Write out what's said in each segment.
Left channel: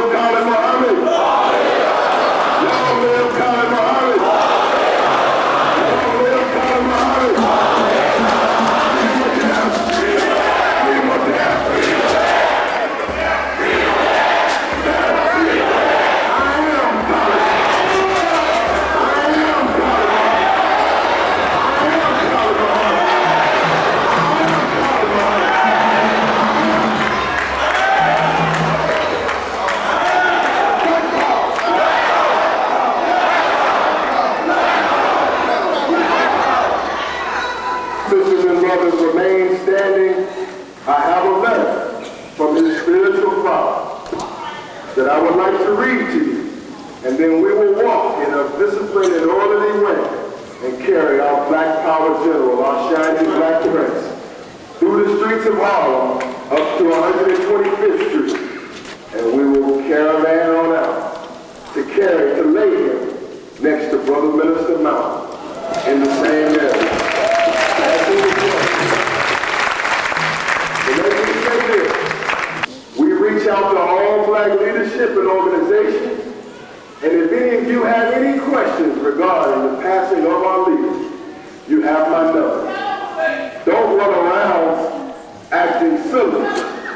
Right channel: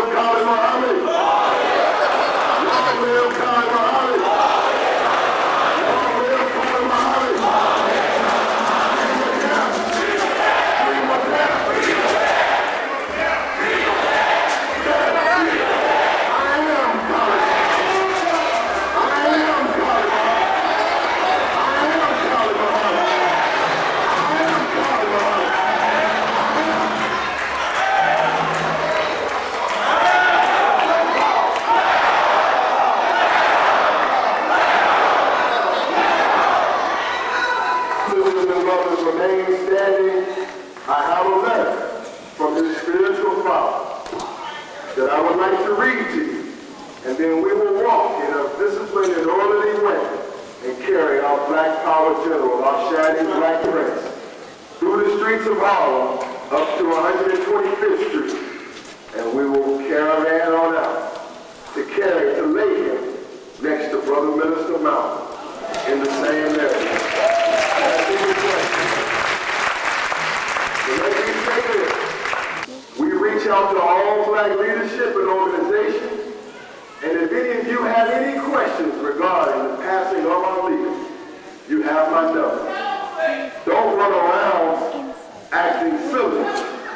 live Khalid Muhammad. Long live Khalid Muhammad. Long live Khalid Muhammad. And then we will walk in a disciplined and orderly way and carry our black power general, our shining black race, through the streets of Harlem up to 125th Street. And we will caravan on out to lay him next to Brother Minister Mountain in the same area. So let me say this. We reach out to all black leadership and organizations. And if any of you have any questions regarding the passing of our leader, you have my number. Don't run around acting silly.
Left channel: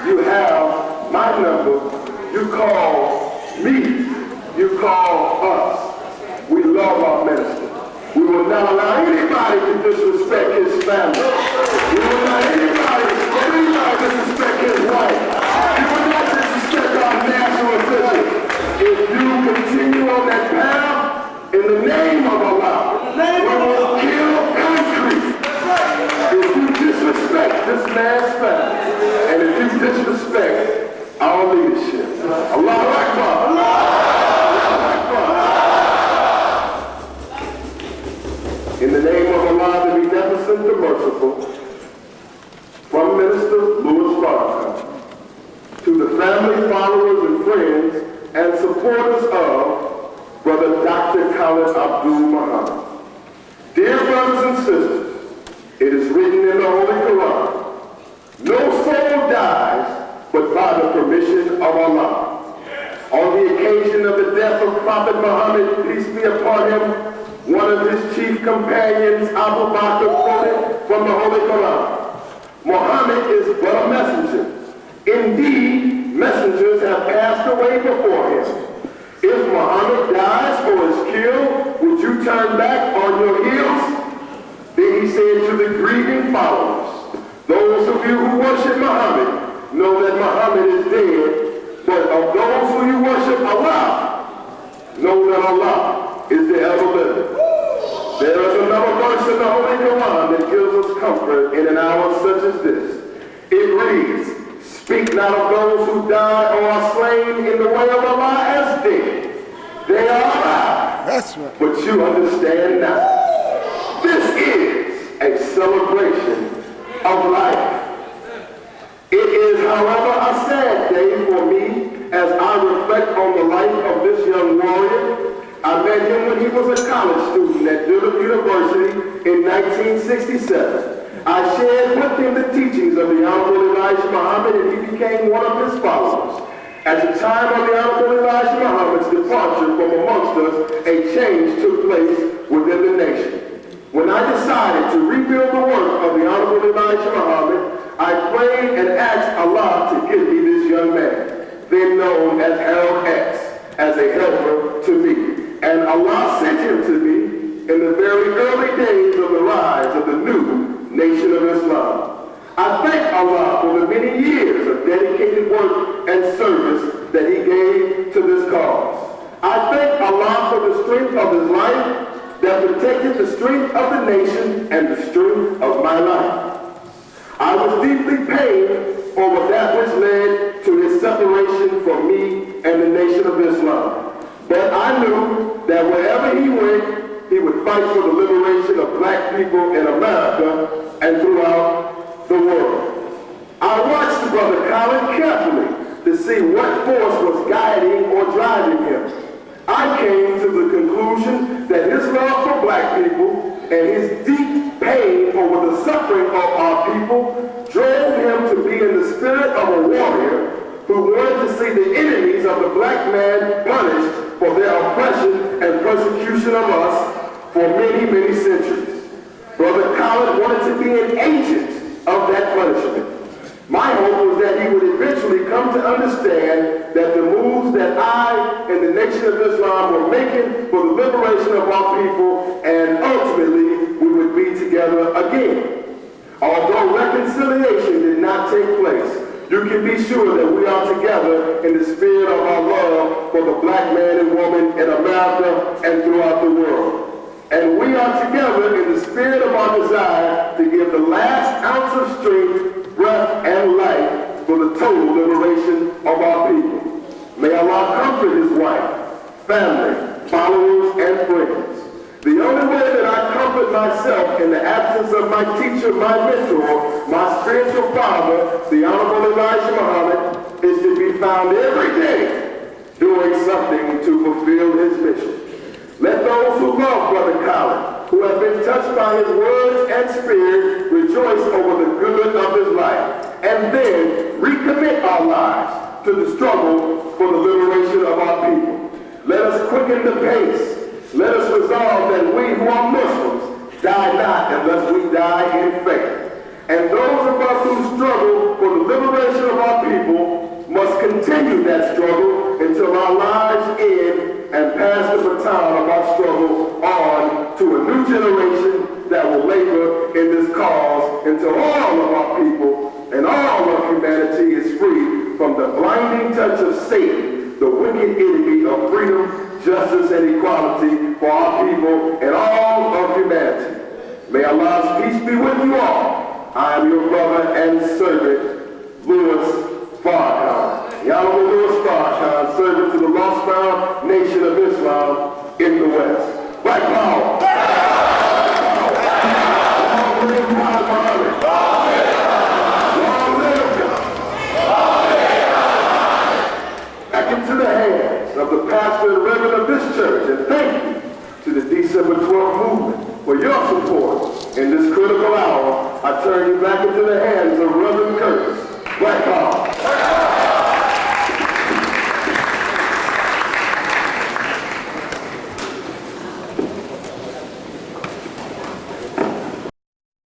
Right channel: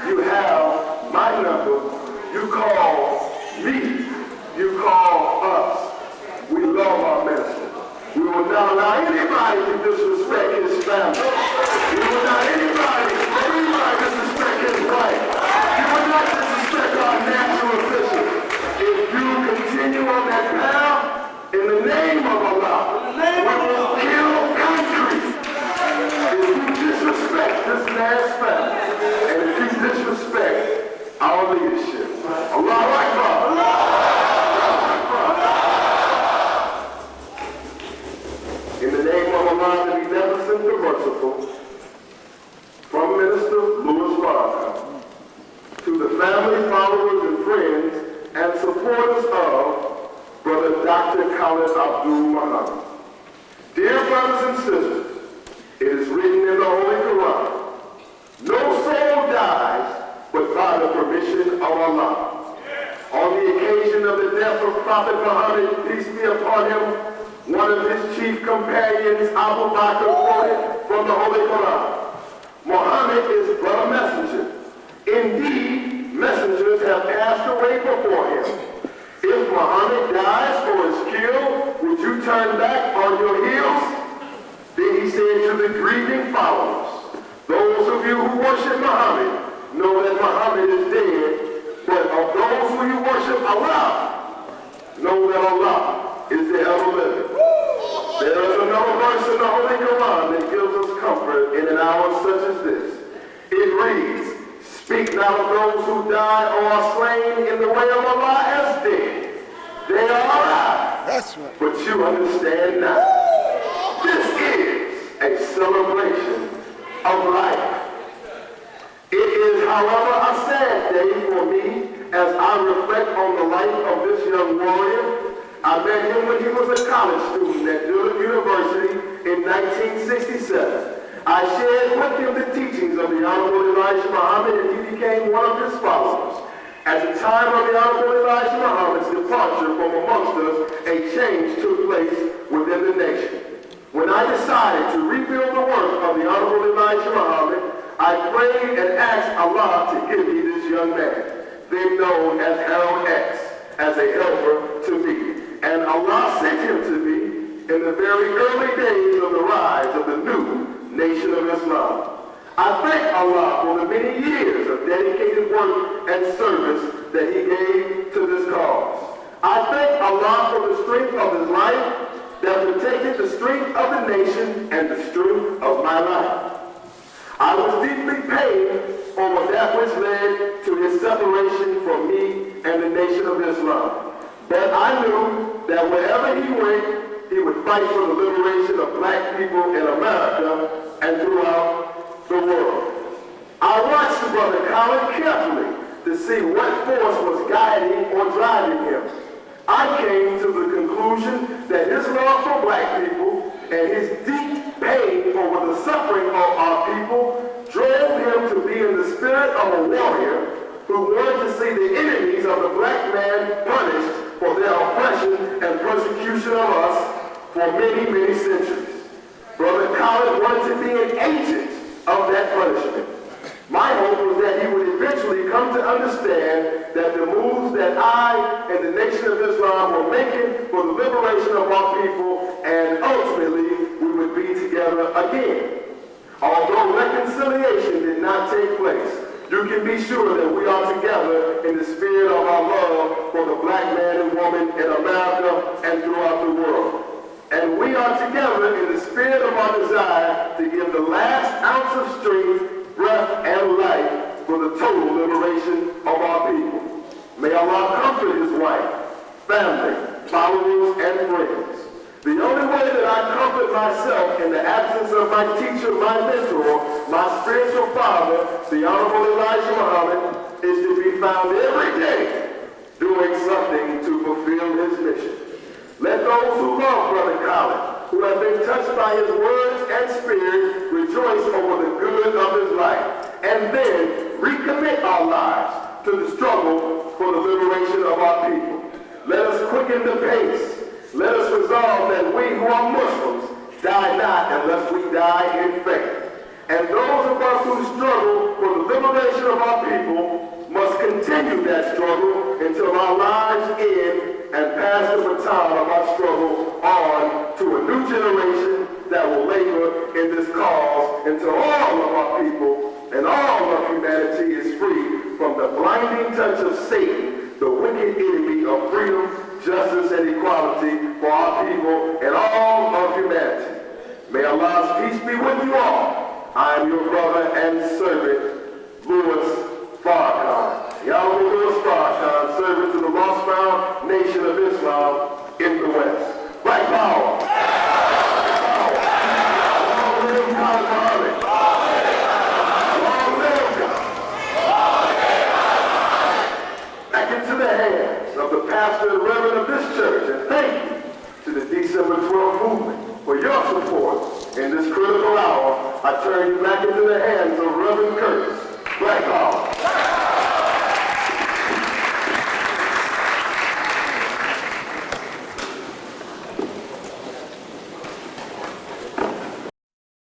You have my number. You call me. You call us. We love our minister. We will not allow anybody to disrespect his family. We will not anybody disrespect his wife. We will not disrespect our national officials. If you continue on that path, in the name of Allah, we will kill country. If you disrespect this man's family, and if you disrespect our leadership, Allahu Akbar. In the name of Allah, the beneficent and merciful, from Minister Louis Farrakhan, to the family, followers, and friends, and supporters of Brother Dr. Khalid Abdul Muhammad. Dear brothers and sisters, it is written in the Holy Quran, no soul dies but by the permission of Allah. On the occasion of the death of Prophet Muhammad, peace be upon him, one of his chief companions, Abu Bakr, quoted from the Holy Quran, Muhammad is but a messenger. Indeed, messengers have passed away before him. If Muhammad dies or is killed, would you turn back on your heels? Then he said to the grieving followers, those of you who worship Muhammad know that Muhammad is dead, but of those who you worship Allah, know that Allah is the ever-living. There is another verse in the Holy Quran that gives us comfort in an hour such as this. It reads, speak not of those who die or are slain in the way of Allah as dead. They are alive. That's right. But you understand now. This is a celebration of life. It is, however, a sad day for me as I reflect on the life of this young warrior. I met him when he was a college student at Dillard University in 1967. I shared with him the teachings of the Honorable Elijah Muhammad, and he became one of his followers. At the time of the Honorable Elijah Muhammad's departure from amongst us, a change took place within the nation. When I decided to rebuild the work of the Honorable Elijah Muhammad, I prayed and asked Allah to give me this young man, then known as Harold X, as a helper to me. And Allah sent him to me in the very early days of the rise of the new Nation of Islam. I thank Allah for the many years of dedicated work and service that he gave to this cause. I thank Allah for the strength of his life that protected the strength of the nation and the strength of my life. I was deeply pained over that which led to his separation from me and the Nation of Islam. But I knew that wherever he went, he would fight for the liberation of black people in America and throughout the world. I watched Brother Khalid carefully to see what force was guiding or driving him. I came to the conclusion that his love for black people and his deep pain over the suffering of our people drove him to be in the spirit of a warrior who wanted to see the enemies of of the black man punished for their oppression and persecution of us for many, many centuries. Brother Khalid wanted to be an agent of that punishment. My hope was that he would eventually come to understand that the moves that I and the Nation of Islam were making for the liberation of our people, and ultimately we would be together again. Although reconciliation did not take place, you can be sure that we are together in the spirit of our love for the black man and woman in America and throughout the world. And we are together in the spirit of our desire to give the last ounce of strength, breath, and life for the total liberation of our people. May Allah comfort his wife, family, followers, and friends. The only way that I comfort myself in the absence of my teacher, my mentor, my spiritual father, the Honorable Elijah Muhammad, is to be found every day doing something to fulfill his mission. Let those who love Brother Khalid, who have been touched by his words and spirit, rejoice over the good of his life, and then recommit our lives to the struggle for the liberation of our people. Let us quicken the pace. Let us resolve that we who are Muslims die not unless we die in faith. And those of us who struggle for the liberation of our people must continue that struggle until our lives end and pass the baton of our struggle on to a new generation that will labor in this cause until all of our people and all of humanity is free from the blinding touch of Satan, the wicked enemy of freedom, justice, and equality for our people and all of humanity. May Allah's peace be with you all. I am your brother and servant, Louis Farrakhan. Honorable Louis Farrakhan, servant to the lost found Nation of Islam in the West. Black power! Long live Muhammad! Long live God! Back into the hands of the pastor and reverend of this church, and thank you to the December 12 movement for your support